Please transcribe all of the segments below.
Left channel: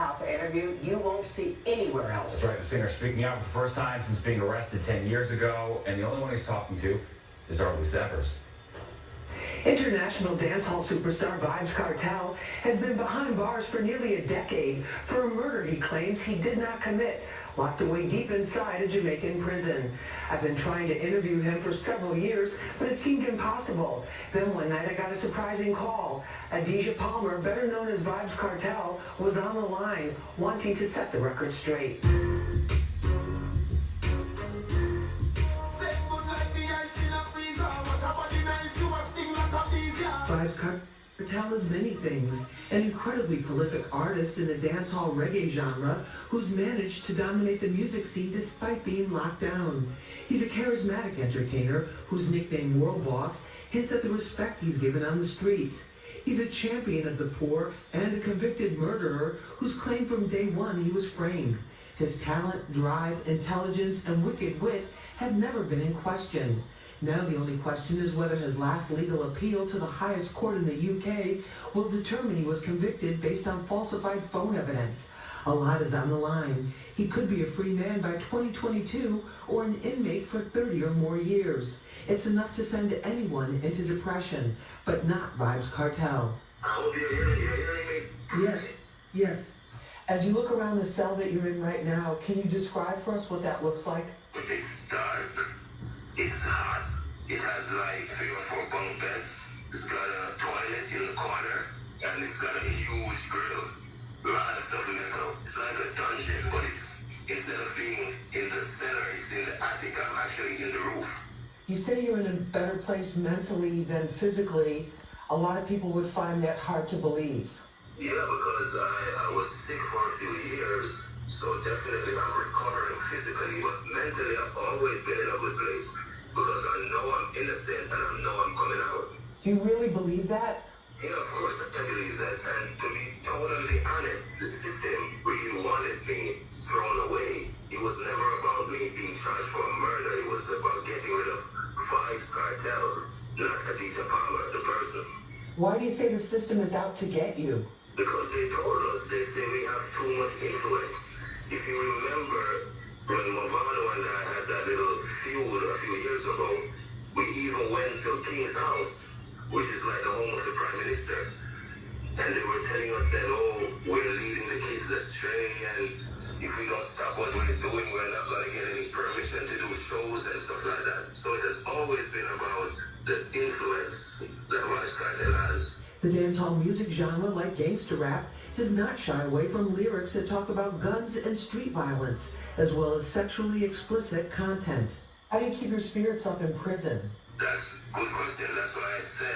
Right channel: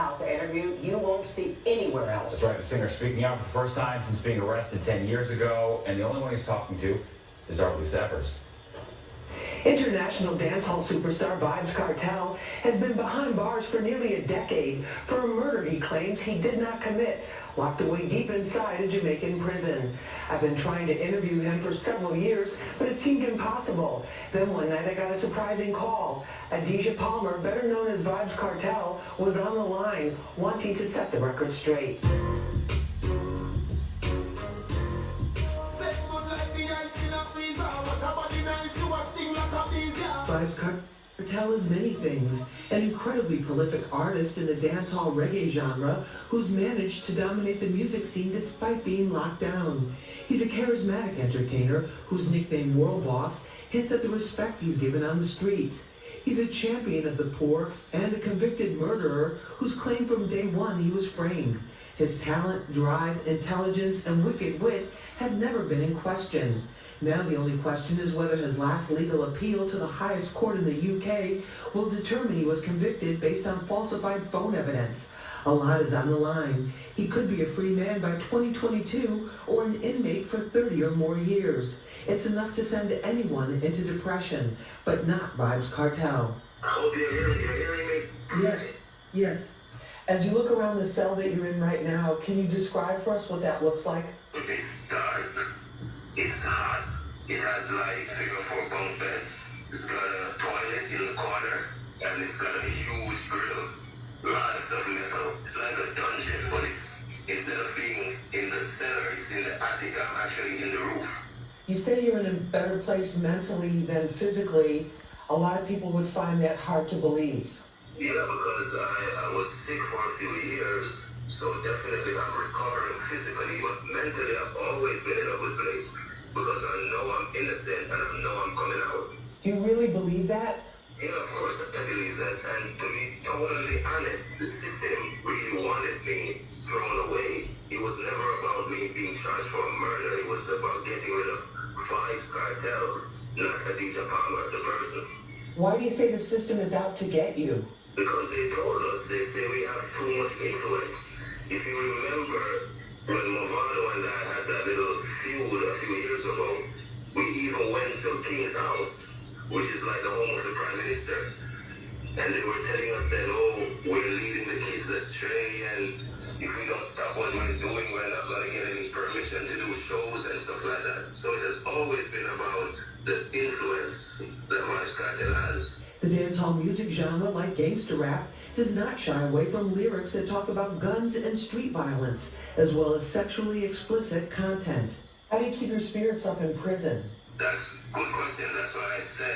House interview you won't see anywhere else. That's right. The singer speaking out for the first time since being arrested 10 years ago, and the only one he's talking to is Vybz. International dancehall superstar Vybz Kartel has been behind bars for nearly a decade for a murder he claims he did not commit, locked away deep inside a Jamaican prison. I've been trying to interview him for several years, but it seemed impossible. Then one night I got a surprising call. Adisha Palmer, better known as Vybz Kartel, was on the line, wanting to set the record straight. Vybz Kartel is many things. An incredibly prolific artist in the dancehall reggae genre who's managed to dominate the music scene despite being locked down. He's a charismatic entertainer whose nickname World Boss hints at the respect he's given on the streets. He's a champion of the poor and a convicted murderer whose claim from day one he was framed. His talent, drive, intelligence, and wicked wit had never been in question. Now the only question is whether his last legal appeal to the highest court in the UK will determine he was convicted based on falsified phone evidence. A lot is on the line. He could be a free man by 2022 or an inmate for 30 or more years. It's enough to send anyone into depression, but not Vybz Kartel. I hope you're hearing me. Yes, yes. As you look around the cell that you're in right now, can you describe for us what that looks like? It's dark. It's hot. It has like 3 or 4 bunk beds. It's got a toilet in the corner, and it's got a huge grill. Lots of metal. It's like a dungeon, but instead of being in the cellar, it's in the attic. I'm actually in the roof. You say you're in a better place mentally than physically. A lot of people would find that hard to believe. Yeah, because I was sick for a few years, so definitely I'm recovering physically, but mentally I've always been in a good place because I know I'm innocent and I know I'm coming out. Do you really believe that? Yeah, of course I believe that, and to be totally honest, the system really wanted me thrown away. It was never about me being charged for murder, it was about getting rid of Vybz Kartel, not Adisha Palmer, the person. Why do you say the system is out to get you? Because they told us, they say we have too much influence. If you remember, when Movado and I had that little feud a few years ago, we even went to King's house, which is like the home of the Prime Minister. And they were telling us that, oh, we're leading the kids astray, and if we don't stop what we're doing, we're not going to get any permission to do shows and stuff like that. So it has always been about the influence that Vybz Kartel has. The dancehall music genre, like gangster rap, does not shy away from lyrics that talk about guns and street violence, as well as sexually explicit content. How do you keep your spirits up in prison? That's a good question. That's why I said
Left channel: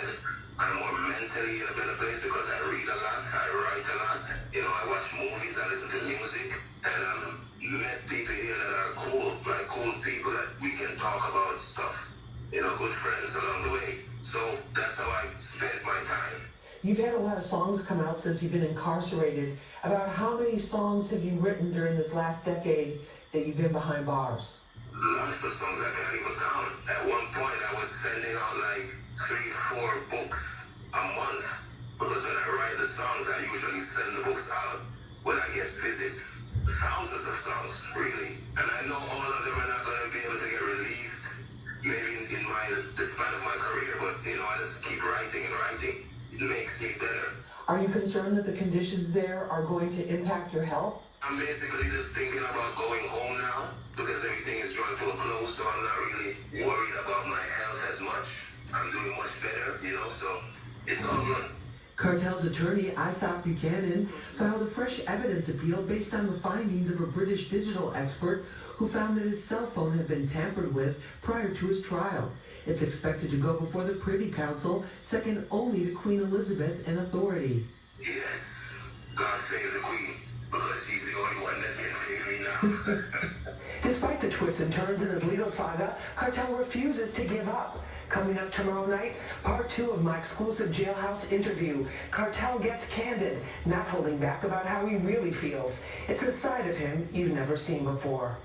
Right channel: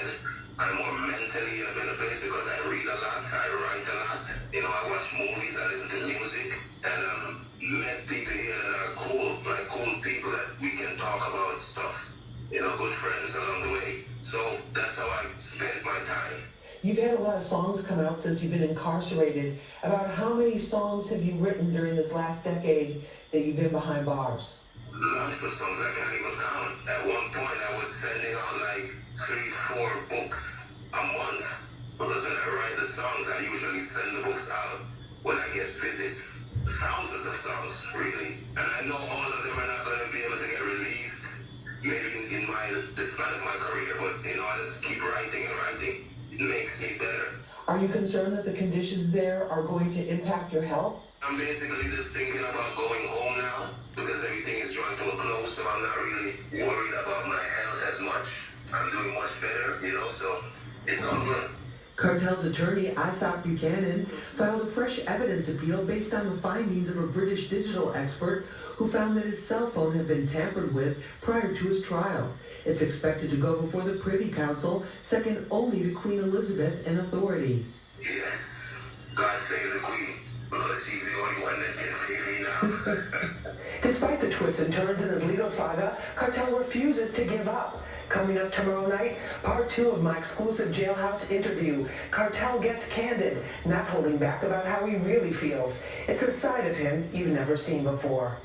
I'm more mentally in a better place because I read a lot, I write a lot. You know, I watch movies, I listen to music, and I've met people here that are cool, like cool people that we can talk about stuff. You know, good friends along the way. So that's how I spend my time. You've had a lot of songs come out since you've been incarcerated. About how many songs have you written during this last decade that you've been behind bars? Lots of songs I can't even count. At one point I was sending out like 3-4 books a month. Because when I write the songs, I usually send the books out when I get visits. Thousands of songs, really. And I know all of them are not going to be able to get released, maybe in the span of my career, but you know, I just keep writing and writing. It makes me better. Are you concerned that the conditions there are going to impact your health? I'm basically just thinking about going home now because everything is drawing to a close, so I'm not really worried about my health as much. I'm doing much better, you know, so it's all good. Kartel's attorney, Isaac Buchanan, filed a fresh evidence appeal based on the findings of a British digital expert who found that his cell phone had been tampered with prior to his trial. It's expected to go before the Privy Council, second only to Queen Elizabeth in authority. Yes, God save the Queen, because she's the only one that can save me now. Despite the twists and turns in his legal saga, Kartel refuses to give up. Coming up tomorrow night, part 2 of my exclusive jailhouse interview. Kartel gets candid, not holding back about how he really feels. It's a side of him you've never seen before.